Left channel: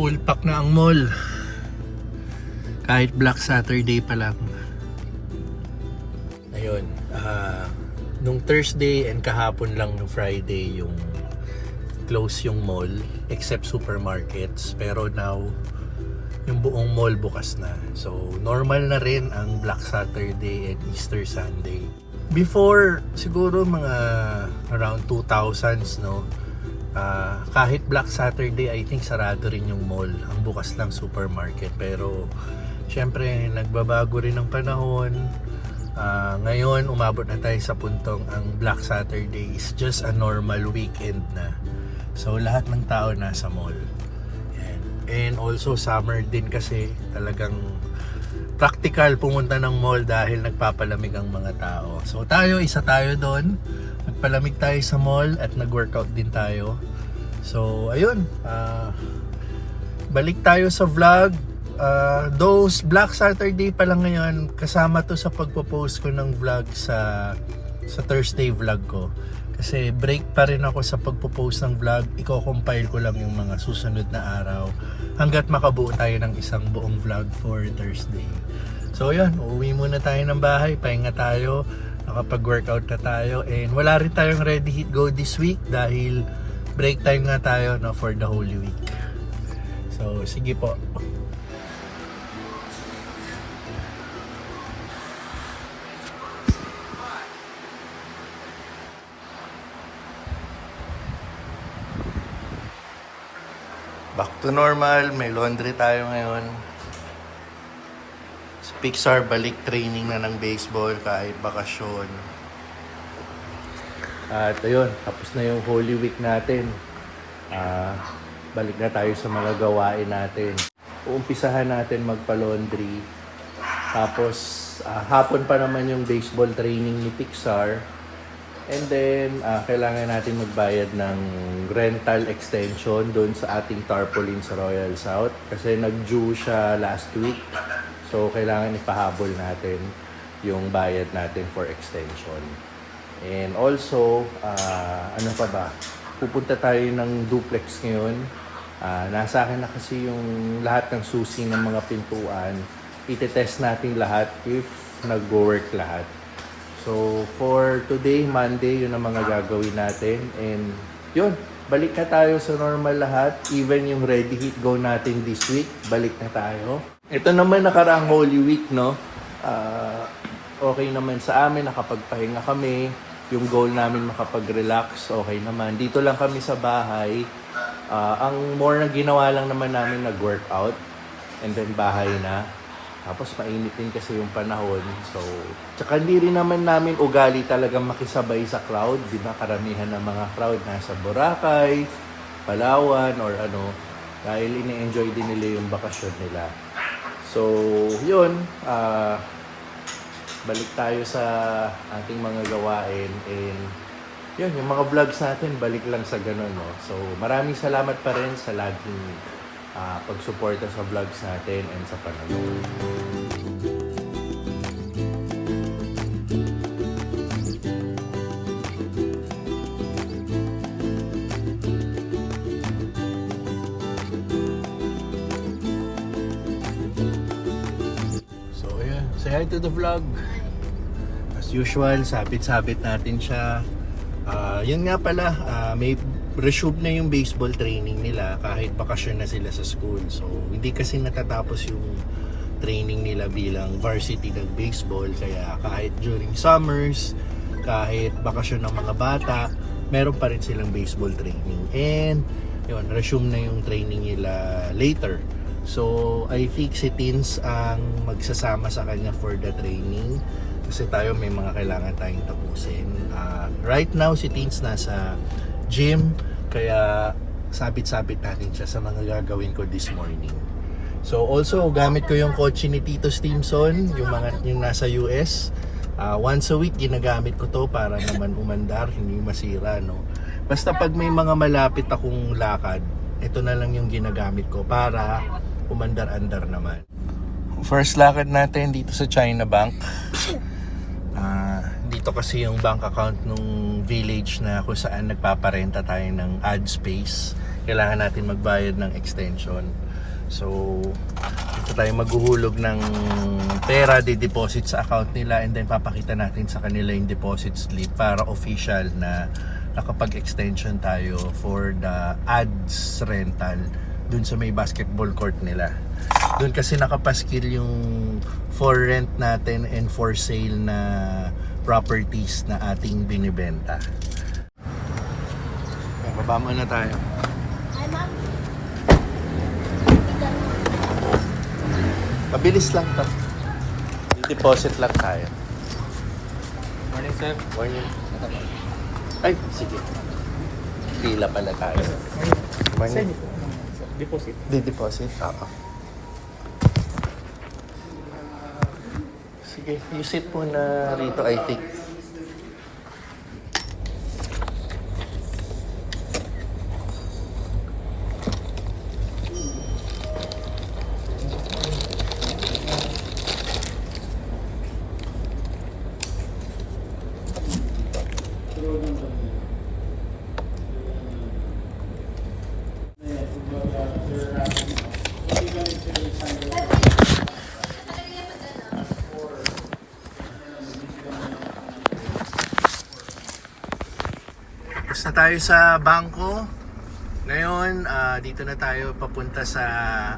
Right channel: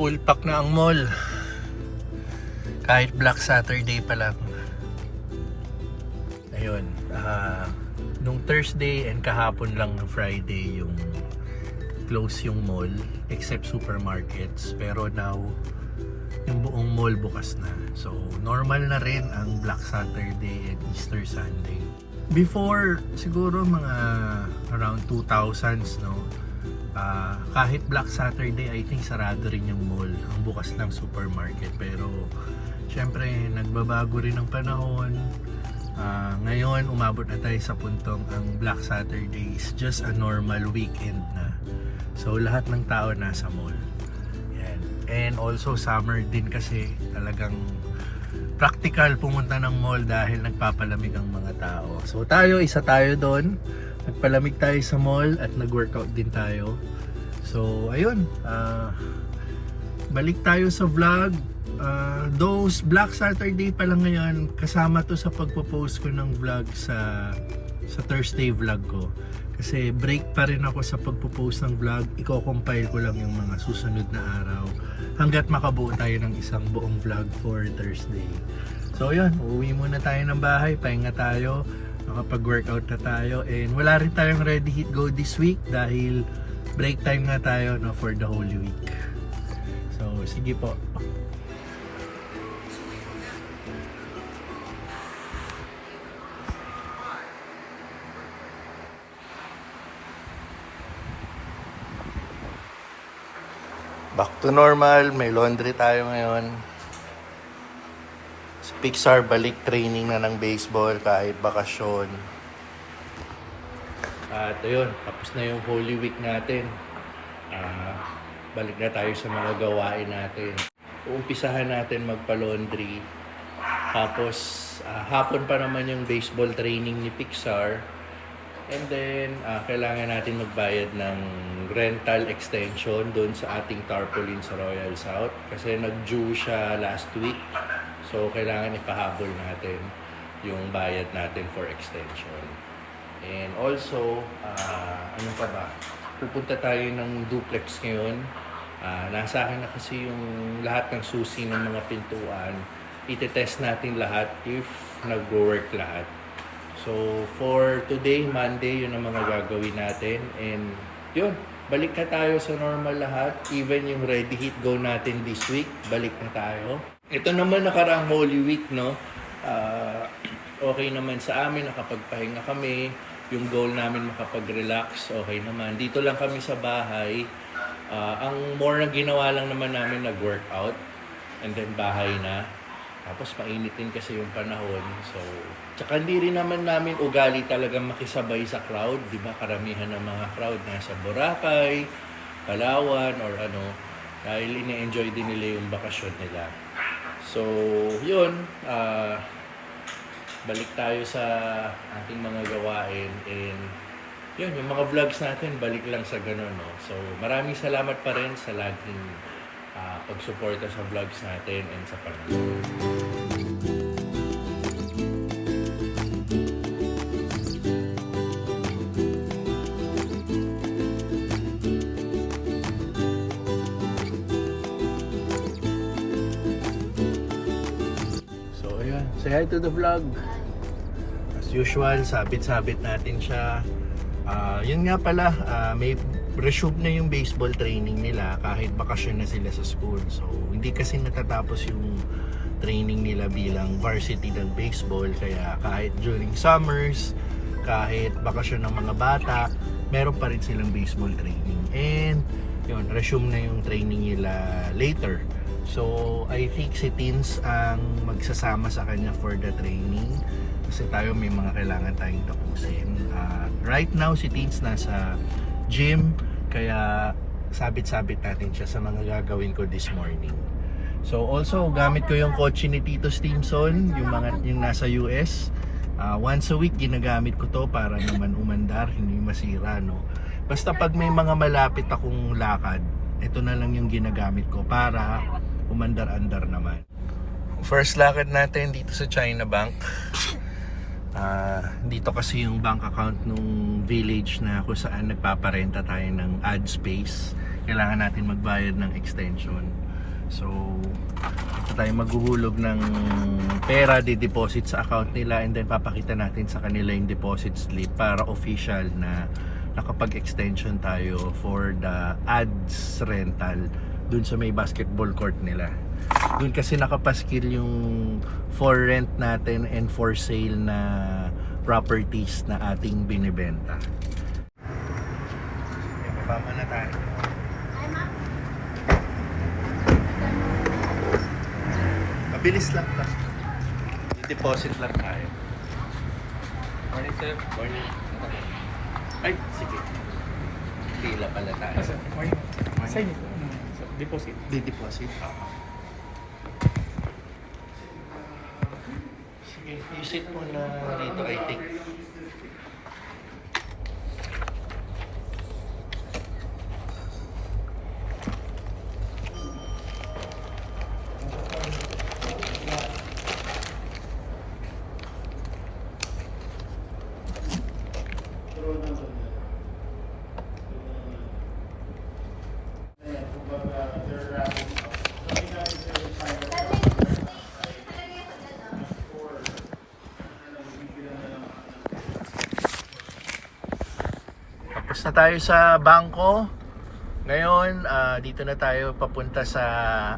full pack na ang mall. Kahit Black Saturday pa lang. Ayun, nung Thursday and kahapon lang ng Friday yung close yung mall except supermarkets, pero now yung buong mall bukas na. So normal na rin ang Black Saturday and Easter Sunday. Before siguro mga around 2000s, no, kahit Black Saturday I think sarado rin yung mall, ang bukas lang supermarket. Pero syempre nagbabago rin ang panahon. Ngayon umabot na tayo sa puntong ang Black Saturday is just a normal weekend na. So lahat ng tao nasa mall. Yan. And also summer din kasi talagang practical pumunta ng mall dahil nagpapalamig ang mga tao. So tayo, isa tayo doon. Nagpalamig tayo sa mall at nag-workout din tayo. So ayun, balik tayo sa vlog. Those Black Saturday pa lang ngayon, kasama to sa pagpo-post ko ng vlog sa Thursday vlog ko. Kasi break pa rin ako sa pagpo-post ng vlog. Iko-compile ko lang yung mga susunod na araw hanggat makabuo tayo ng isang buong vlog for Thursday. So yun, uwi muna tayo ng bahay, pahinga tayo, nakapag-workout na tayo, and wala rin tayong ready hit go this week dahil break time nga tayo, no, for the Holy Week. So sige po. Back to normal, may laundry tayo ngayon. Pixar balik training na ng baseball kahit bakasyon. At ayun, tapos na yung Holy Week natin. Balik na tayo sa mga gawain natin. Uumpisahan natin magpa-laundry. Tapos hapon pa naman yung baseball training ni Pixar. And then, kailangan natin magbayad ng rental extension doon sa ating tarpaulin sa Royal South. Kasi nag-due siya last week. So, kailangan ipahabol natin yung bayad natin for extension. And also, ano pa ba? Pupunta tayo ng duplex ngayon. Nasa akin na kasi yung lahat ng susi ng mga pintuan. Itetest natin lahat if nag-work lahat. So, for today, Monday, yun ang mga gagawin natin. And yun, balik na tayo sa normal lahat. Even yung ready hit go natin this week, balik na tayo. Ito naman nakaraang Holy Week, no? Okay naman sa amin, nakapagpahinga kami. Yung goal namin makapag-relax, okay naman. Dito lang kami sa bahay. Ang more na ginawa lang naman namin, nag-workout. And then bahay na. Tapos mainit din kasi yung panahon. So, tsaka hindi rin naman namin ugali talagang makisabay sa crowd. Di ba? Karamihan ng mga crowd nasa Boracay, Palawan, or ano. Dahil ine-enjoy din nila yung bakasyon nila. So, yun. Balik tayo sa ating mga gawain. And yun, yung mga vlogs natin, balik lang sa ganun, no? So, maraming salamat pa rin sa laging pagsuporta sa vlogs natin and sa panonood. So ayun, say hi to the vlog. As usual, sabit-sabit natin siya. Yun nga pala, may resume na yung baseball training nila kahit bakasyon na sila sa school. So, hindi kasi natatapos yung training nila bilang varsity ng baseball. Kaya kahit during summers, kahit bakasyon ng mga bata, meron pa rin silang baseball training. And, yun, resume na yung training nila later. So, I think si Teens ang magsasama sa kanya for the training. Kasi tayo may mga kailangan tayong tapusin. Right now, si Teens nasa gym, kaya sabit-sabit natin siya sa mga gagawin ko this morning. So also gamit ko yung kotse ni Tito Stimson, yung nasa US. Once a week ginagamit ko to para naman umandar, hindi masira, no. Basta pag may mga malapit akong lakad, ito na lang yung ginagamit ko para umandar-andar naman. First lakad natin dito sa China Bank. Dito kasi yung bank account nung village na kung saan nagpaparenta tayo ng ad space. Kailangan natin magbayad ng extension. So, dito tayo maghuhulog ng pera, di-deposit sa account nila, and then papakita natin sa kanila yung deposit slip para official na nakapag-extension tayo for the ads rental dun sa may basketball court nila. Dun kasi nakapaskil yung for rent natin and for sale na properties na ating binibenta. Kaya baba muna tayo. Mabilis lang to. Deposit lang tayo. Morning, sir. Morning. Ay, sige. Pila pala tayo. Morning. Morning. Send ito. Deposit. Di-deposit? Oo. Sige, use it muna rito, I think. Tapos na tayo sa bangko. Ngayon, dito na tayo papunta sa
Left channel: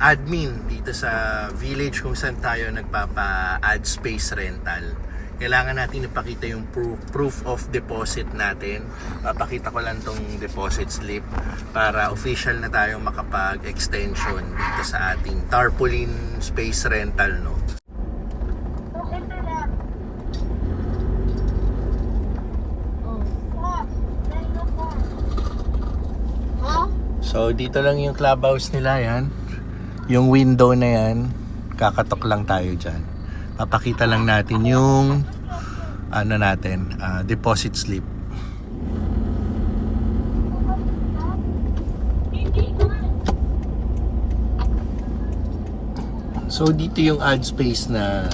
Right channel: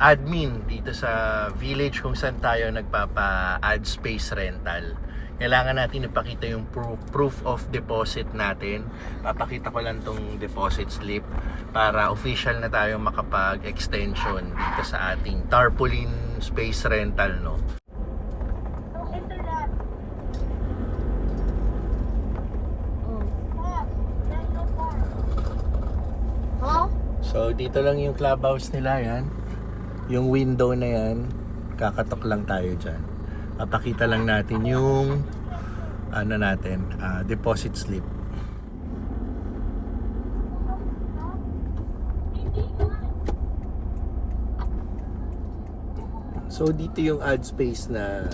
admin, dito sa village kung saan tayo nagpapa-add space rental. Kailangan natin ipakita yung proof of deposit natin. Papakita ko lang tong deposit slip para official na tayo makapag-extension dito sa ating tarpaulin space rental, no? So dito lang yung clubhouse nila, yan. Yung window na yan, kakatok lang tayo dyan. Papakita lang natin yung ano natin, deposit slip. So dito yung ad space na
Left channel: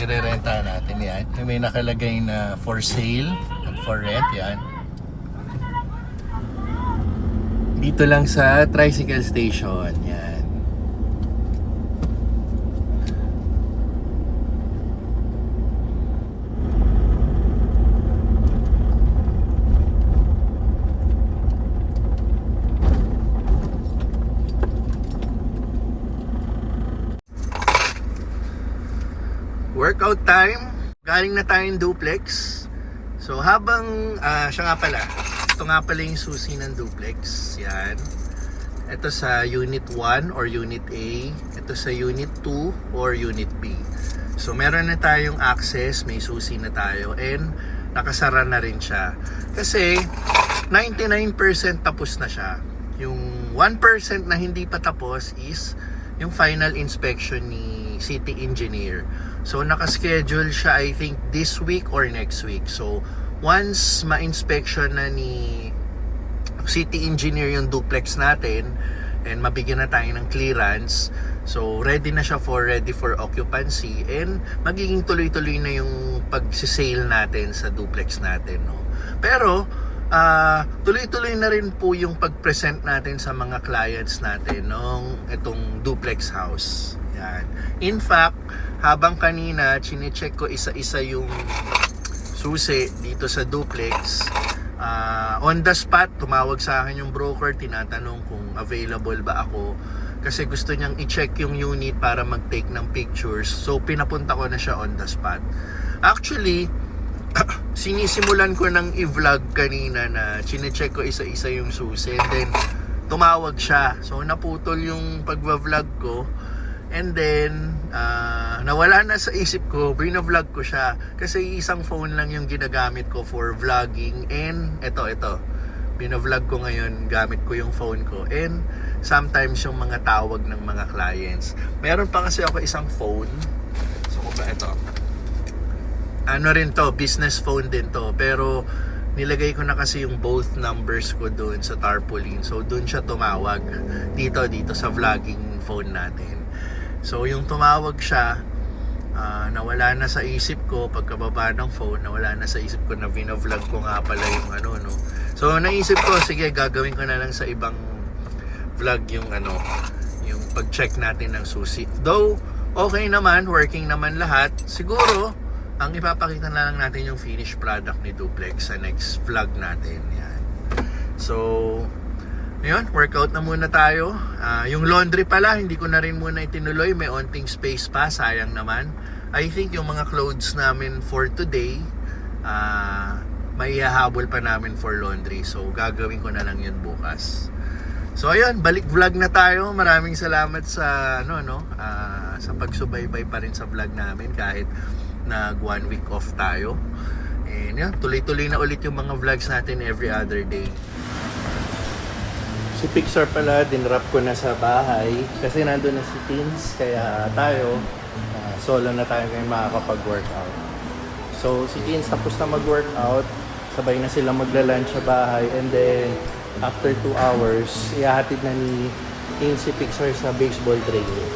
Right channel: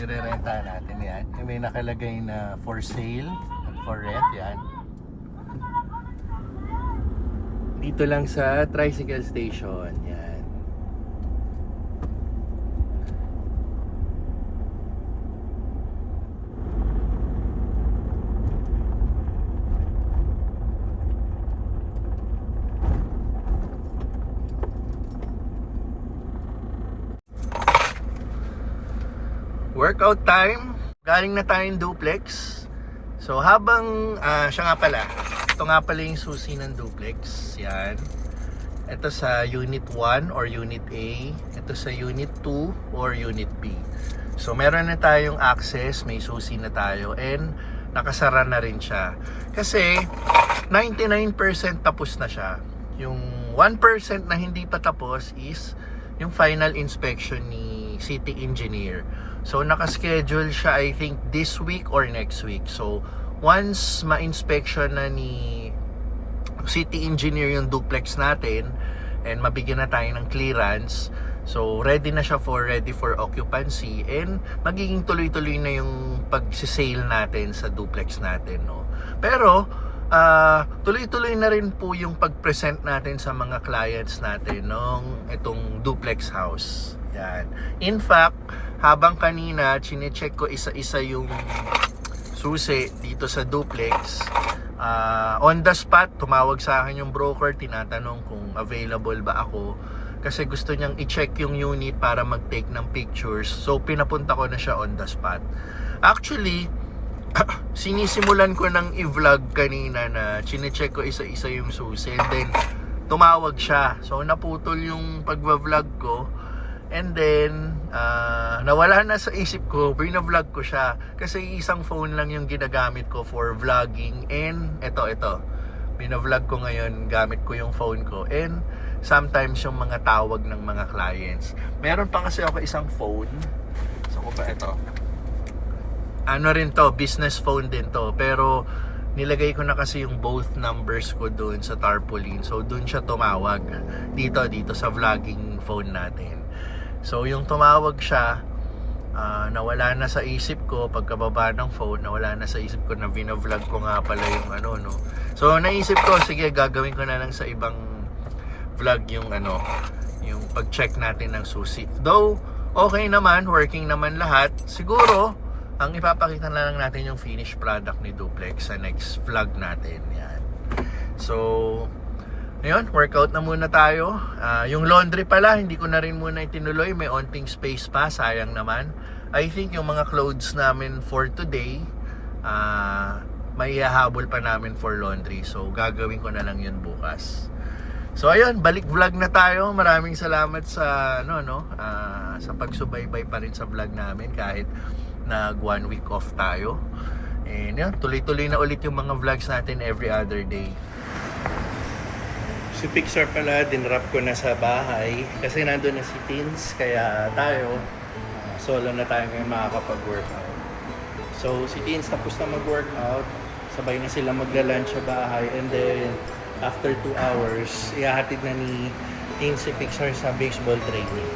nirerenta natin, yan. May nakalagay na for sale and for rent, yan. Dito lang sa tricycle station, yan. Workout time. Galing na tayong duplex. So habang siya nga pala, ito nga pala yung susi ng duplex. Yan. Ito sa Unit 1 or Unit A. Ito sa Unit 2 or Unit B. So meron na tayong access, may susi na tayo, and nakasara na rin siya. Kasi 99% tapos na siya. Yung 1% na hindi pa tapos is yung final inspection ni city engineer. So naka-schedule siya, I think this week or next week. So once ma-inspection na ni city engineer yung duplex natin and mabigyan na tayo ng clearance, so ready na siya ready for occupancy, and magiging tuloy-tuloy na yung pag-sale natin sa duplex natin, no? Pero tuloy-tuloy na rin po yung pag-present natin sa mga clients natin ng itong duplex house. Yan. In fact, habang kanina chine-check ko isa-isa yung susi dito sa duplex, on the spot tumawag sa akin yung broker, tinatanong kung available ba ako kasi gusto niyang i-check yung unit para mag-take ng pictures. So pinapunta ko na siya on the spot. Actually, sinisimulan ko ng i-vlog kanina na chine-check ko isa-isa yung susi, and then tumawag siya. So naputol yung pagva-vlog ko. And then, nawala na sa isip ko, bina-vlog ko siya. Kasi isang phone lang yung ginagamit ko for vlogging. And ito. Bina-vlog ko ngayon, gamit ko yung phone ko. And sometimes yung mga tawag ng mga clients. Meron pa kasi ako isang phone. So, kung ba ito? Ano rin to, business phone din to. Pero, nilagay ko na kasi yung both numbers ko doon sa tarpaulin. So, doon siya tumawag. Dito sa vlogging phone natin. So yung tumawag siya, nawala na sa isip ko pagkababa ng phone, nawala na sa isip ko na vlog ko nga pala yung ano, no. So naisip ko, sige, gagawin ko na lang sa ibang vlog yung yung pag-check natin ng susi. Though, okay naman, working naman lahat. Siguro, ang ipapakita na lang natin yung finished product ni Duplex sa next vlog natin. Yan. So, ngayon, workout na muna tayo. Yung laundry pala, hindi ko na rin muna itinuloy. May onting space pa, sayang naman. I think yung mga clothes namin for today, may hahabol pa namin for laundry. So, gagawin ko na lang yun bukas. So, ayun, balik vlog na tayo. Maraming salamat sa, sa pagsubaybay pa rin sa vlog namin kahit nag 1 week off tayo. And yun, tuloy-tuloy na ulit yung mga vlogs natin every other day. Si Pixar pala, dinrap ko na sa bahay kasi nandun na si Teens, kaya tayo, solo na tayo ngayon makakapag-workout. So, si Teens tapos na mag-workout, sabay na sila magla-lunch sa bahay, and then, after 2 hours, ihahatid na ni Teens si Pixar sa baseball training.